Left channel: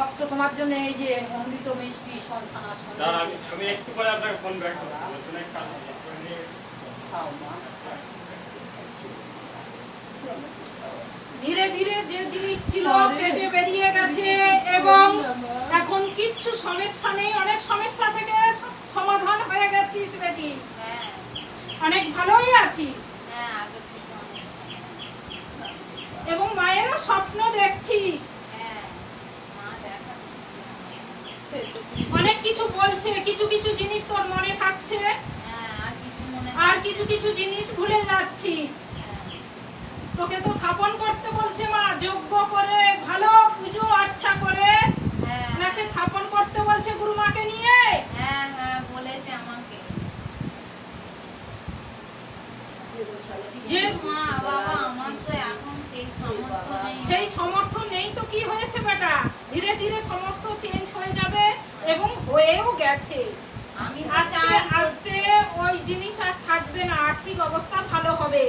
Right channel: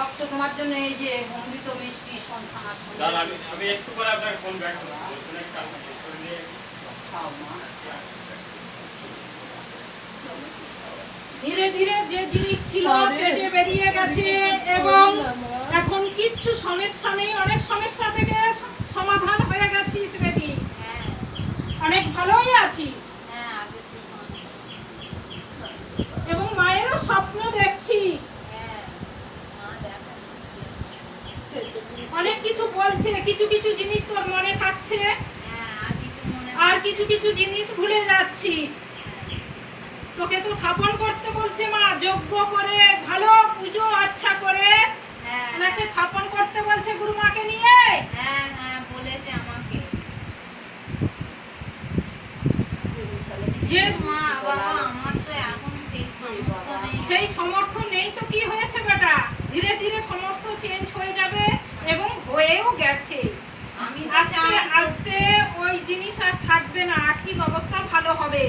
ভক্ত তোমার জন্য এই যে অমৃত মিষ্টি সন্তান আর দাঁড়ান, আমি একটু পরে আপনাকে ফোন ব্যাক করবো। খাও মা। ধীরে ধীরে যে জিনিস ছিল কেটে বেরিয়ে গেছে এবং এখন কিচ্ছু সমস্যা নেই। অনেক সমস্যা থেকে সমাধান হয়ে গেছিস বেটি। হ্যাঁ অনেক ভালোই আছিস হ্যাঁ আগে থেকে এবং মায়েরও স্বপ্ন দেখছিস। হ্যাঁ মা দেখা দিচ্ছে। অনেক কিছু বলছে, কিছু কিছু জিনিস তোর মনে থাকছে হ্যাঁ আর কিছু মনে আর কিছু কিছু জিনিস ভুলে যাচ্ছিস। হ্যাঁ তোকে তো স্থাপন করতে বলছে মা, যজ্ঞ করে ভালো পুজো আচ্ছা করে হ্যাঁ ওনাকে স্থাপন করতে বলছে গুরু মাকে নিয়ে। হ্যাঁ হ্যাঁ বলেছে আমাকে। যে মা বাবা আমার তো এখন সেই সামর্থ্য নেই। সেই সমর্থ নেই তো কি হয়েছে বেটা, ধীরে ধীরে সমর্থ চেঞ্জ হয়ে যাবে এবং হয়েও গেছে। আমি তো আস্তে চাই তো- আস্তে ওই জিনিস আর থাকবে না, আর্থিক অবস্থা ভালো হবে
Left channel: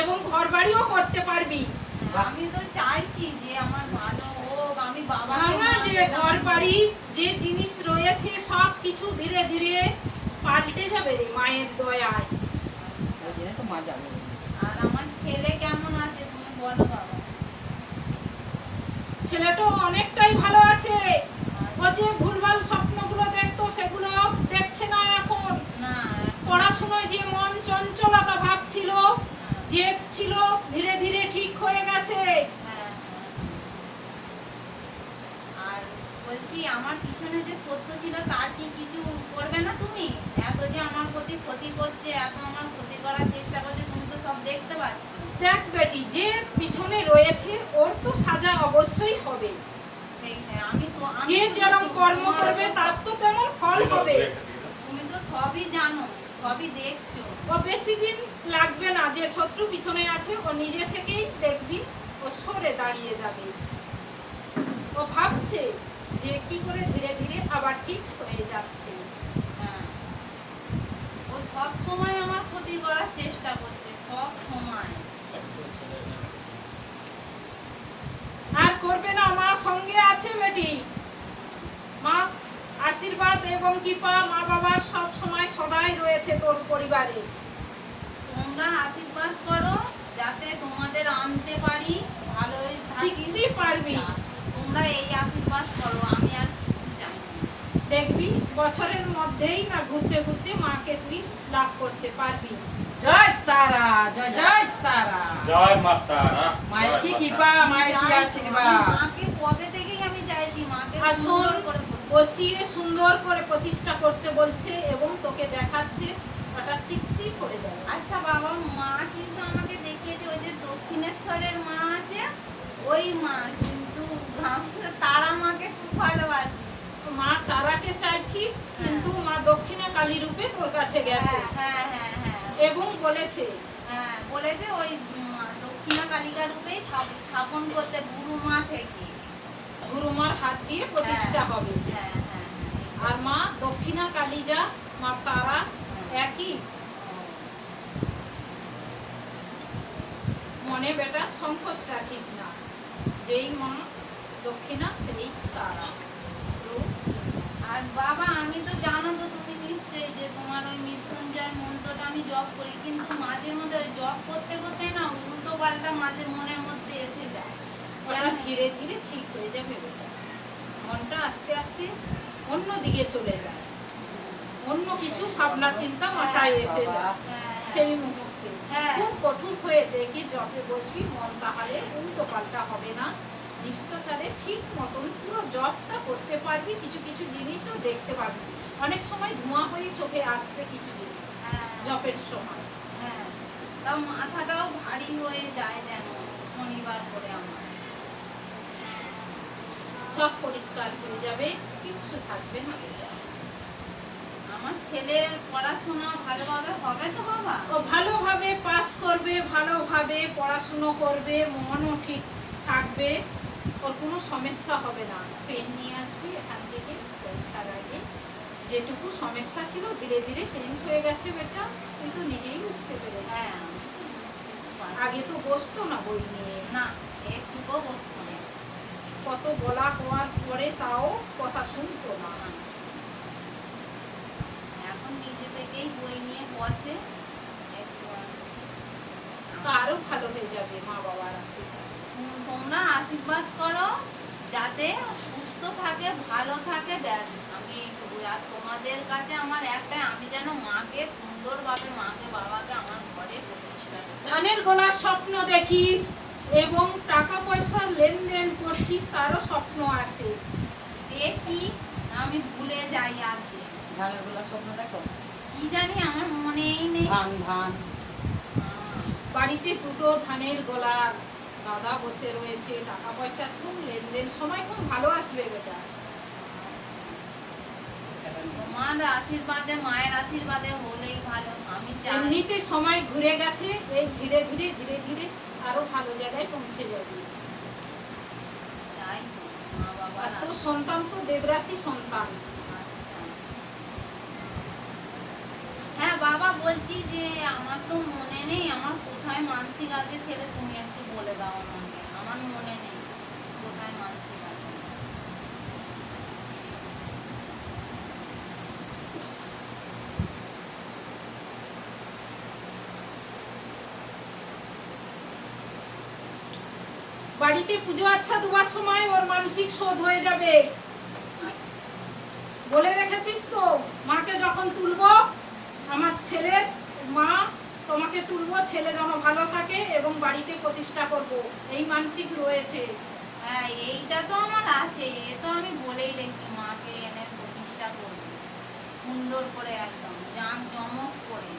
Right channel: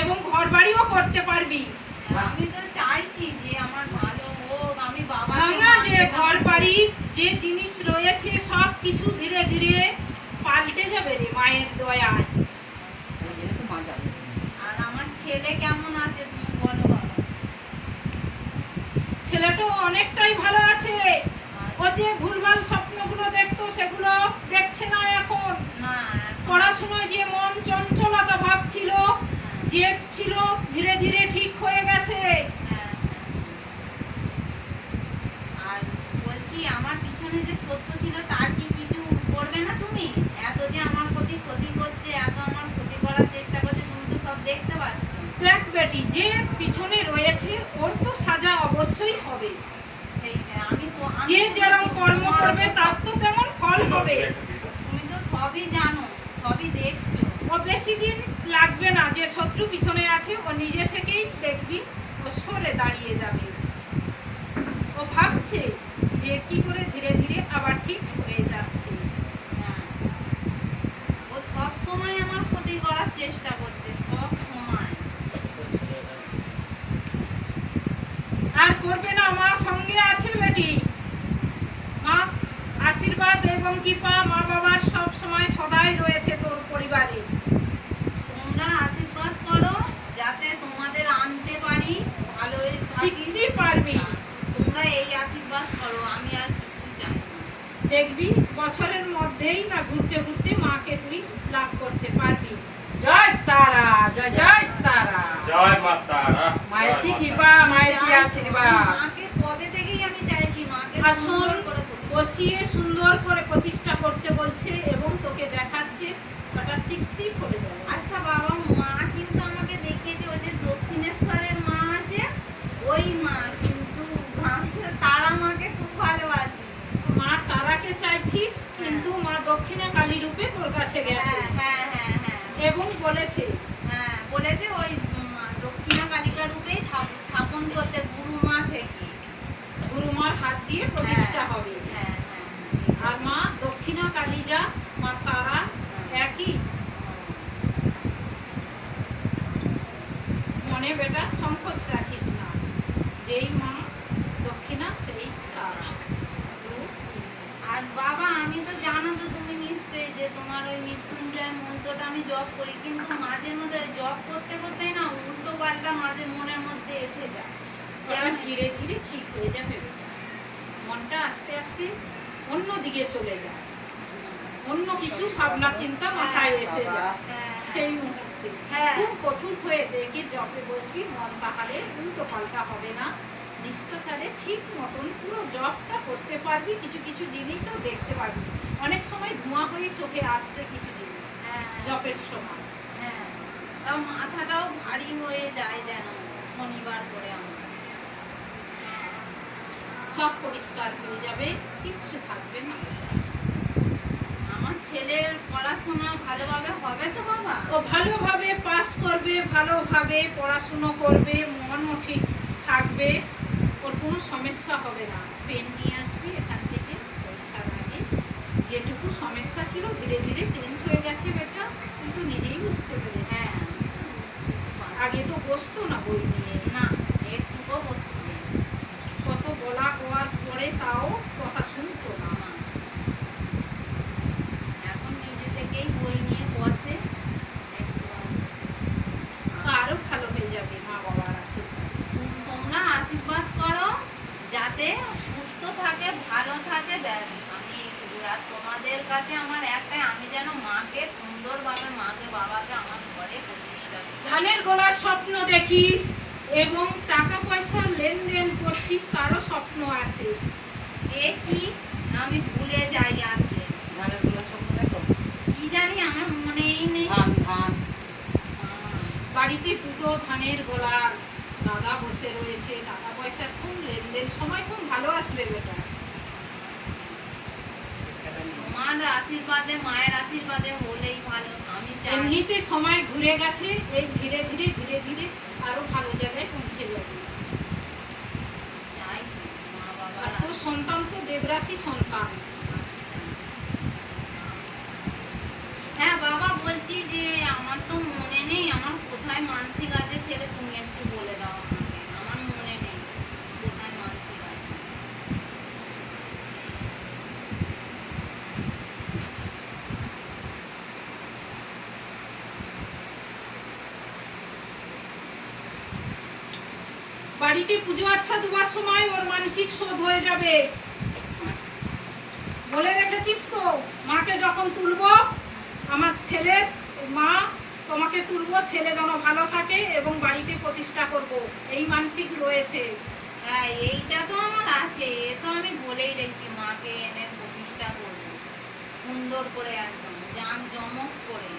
এবং ঘর বাড়িও করতে পারবি। আমি তো চাইছি যে আমার ভালো হোক, আমি বাবাকে ভাঙা যে মানতে ঘর পারি। বাড়ি যে জিনিস রয়েছে সব কিছু ধীরে ধীরে পাল্টে যাবে রে মায়ের দয়ায়। আর আমার ছেলে কেমন আছে তুমি বলো বাবা। ছেলেটা অনেকটাই ভালো আছে। ও যে ভুলভাল স্বপ্নগুলো দেখতো সেগুলো দেখছে না এখন। না পড়াশোনায় যে মন চঞ্চলতা ভাব ছিল, জেদ ছিল, ধীরে ধীরে ঠিক হয়ে গেছে। হ্যাঁ, আর বলছি আমার পিছনে যে সত্য ছিল তার কি কিছু করবে না তুমি? এত যে আমার প্রতি ক্ষতি করছে, এত আমার ক্ষতি করার চেষ্টা করছে, তুমি তো সব দেখতে পাচ্ছ। দেখ বেটি, যে পিছনে রয়েছে ওর তো সাজা অবশ্যই হবে। সেই হ্যাঁ, আমি যে যেরকম কর্ম করবে তার তো তেমন ফল হবে। তুমি তো সবই জানো, সবই দেখছো। ও বেশি দিন লাগবে না, যে শত্রু পিছনে আছে ও নিজে থেকেই দেখবি ও সরে দাঁড়িয়ে যাবে। ও ভাবছে যে কি করে ধীরে ধীরে আবার ঠিক হয়ে যাচ্ছে। হ্যাঁ ও সব সময় আমার ক্ষতি করার চেষ্টা করছে, সব সময়। আর করবে না, মা সঙ্গে আছে বেটি। মা আশীর্বাদ এবং কৃপা মা বাবার সব সময় সদাই রয়েছে তোর পরিবারে। তোমরা আশীর্বাদ করো যাতে তোমাদের আনতে পারি, ভালোই থাকি। শিখতে পারবি। তোমরা এই আশীর্বাদ করো, আমি আর কিছু চাই না। দেখবি বছরের মধ্যেই না ঘুরতে ঘুরতে মাকে তুই লাভ করতে পারবি। জয় তারা, জয় জয় তারা। জয় মা তারা। মায়ের কি কৃপা, মায়ের কি চাই তো, আশীর্বাদ। আমি মাকে কবে থেকেই আমি চাইছি মাকে আসুন সুন্দর করে প্রতিষ্ঠা। বসিয়ে সুন্দর করে প্রতিষ্ঠা করতে বলছে এবং তোকে দেখাচ্ছে ওটা শিখতেই করে দেয়। আচ্ছা বাবা, মা কিন্তু আমাকে দেখিয়েছে ওই যে দক্ষিণেশ্বরের মা আছে ওই মা, কিন্তু তারা মাকে খুব ভালোবাসে। মা তারাকে চাইছিস কিন্তু মা দক্ষিণা কালী রূপে তোর কাছে গেছে হ্যাঁ হ্যাঁ হ্যাঁ হ্যাঁ এবং বলেছে হ্যাঁ বলেছে ওই দক্ষিণা কালিকা রূপেই স্থাপন করতে গুরু মা থেকে। গুরুমার হাত দিয়ে প্রতিষ্ঠা হবে। হ্যাঁ হ্যাঁ আর মা দক্ষিণা কালী যা মা তারা একই। মনে বেটা সংকোচ রাখিস না, যেই মা দক্ষিণা সেই তারা। আর বাবা আমি তো জানো তো তুমি নিশ্চয়ই যে তোমার ওই মৃত্যুঞ্জয় মন্ত্রটা আমি জপ করি, কিন্তু মাঝে মধ্যে ওই জপ করতে করতেই না উল্টো পাল্টা মাঝে মনের মধ্যে এসে যায়। ওরা ধীরে ধীরে ঠিক হয়ে যাবে বেটা। মনটা আস্তে আস্তে অন্য দিকে চলে যায়, অন্য কিছু ভাবনা চিন্তা মাথায় এসে যায়। হ্যাঁ সেই মুহূর্তে হ্যাঁ। খুব কঠোর হয়ে দেখি জপে বসবি, মন তাহলে উল্টো পাল্টা হবে না। নিষ্ঠাচারে ঠিক মতন পুরো জপটা করতে পারবি, কিছু কিছু জিনিসও দেখতে পারবি। অনেক সময় ধোঁয়া হয়ে চোখে আসছে কিছু জিনিস হ্যাঁ জপের সময়। হ্যাঁ তাও মাথাটাও ভারী হয়ে যায় যেন শনিবার করে আমার। সব পরিষ্কার হয়ে যাবে, কিচ্ছু থাকবে না। আমার ছেলের পড়াশোনা ভালোভাবে হবে তো বাবা? ও ভালোভাবে পাস করবে, ভালোভাবে পড়াশুনো করবে, মনও ঠিক থাকবে, ওর কোনো সমস্যা হবে না। পেন নিয়ে আসবে এখান থেকে, পরীক্ষার আগে যেটুকু সমস্যা ছিল ধীরে ধীরে চেঞ্জ হয়ে গেছে বেটা, তুই তো নিজেই বুঝতে পেরেছিস। হ্যাঁ আগে তো বসতো না বই নিয়ে, না একটুকু বসতো না। কত বলা হওয়ার পরে কানের গলার স্বপ্ন দেখিস এবং টাকা পয়সার লেনদেন করছিস তারও স্বপ্ন আসে। দেখি, আমি ভুলে যাই আর কি। ধানের গোলা স্বপ্ন দেখো? কি জানি আমার মনেই নেই। ধান ধান। বাড়িতে দুটো ধানের গলা, দাদা বসে রয়েছে, টাকা পয়সার খুব লেনদেন, সময় খুব ভালো আসবে বেটা। তোমার আশীর্বাদে, মায়ের আশীর্বাদে হলেই ভালো। আমি চাই এমনিতে সময় ঘুরে গেছে, এই ধীরে ধীরে ধীরে ধীরে আরো ভালো জায়গায় পৌঁছে যাবে। চাই মা বাবার আর তোর সন্তান তো দেবরাশি সন্তান। আচ্ছা। হ্যাঁ বাবা, বলছি যে আমার তো মনে নেই আমার কোথায় মানসিক আছে, ছেলে তুমি একটু বলে দাও আমাকে। আমার মনে নেই কোথায় মানসিক আছে। বাড়িতে পুজো আচ্ছা দুবার সময় ওর মানসিক শোধ হয়ে যাবে, বলে রেখেছিস তো। মাকে যখন তুলবো, আমার ছেলের মা তোমাকে তুলবো, ছেলে যেন ভালো থাকে এবং বাড়িতে প্রতিষ্ঠা করব, এই মানসিক রয়েছে। হ্যাঁ, এইটা তো আমার আছে, এ তো আমি বলেই রেখেছি মাকে এনে প্রতিষ্ঠা করবো সুন্দর করে, একদম জাঁকজমক করে।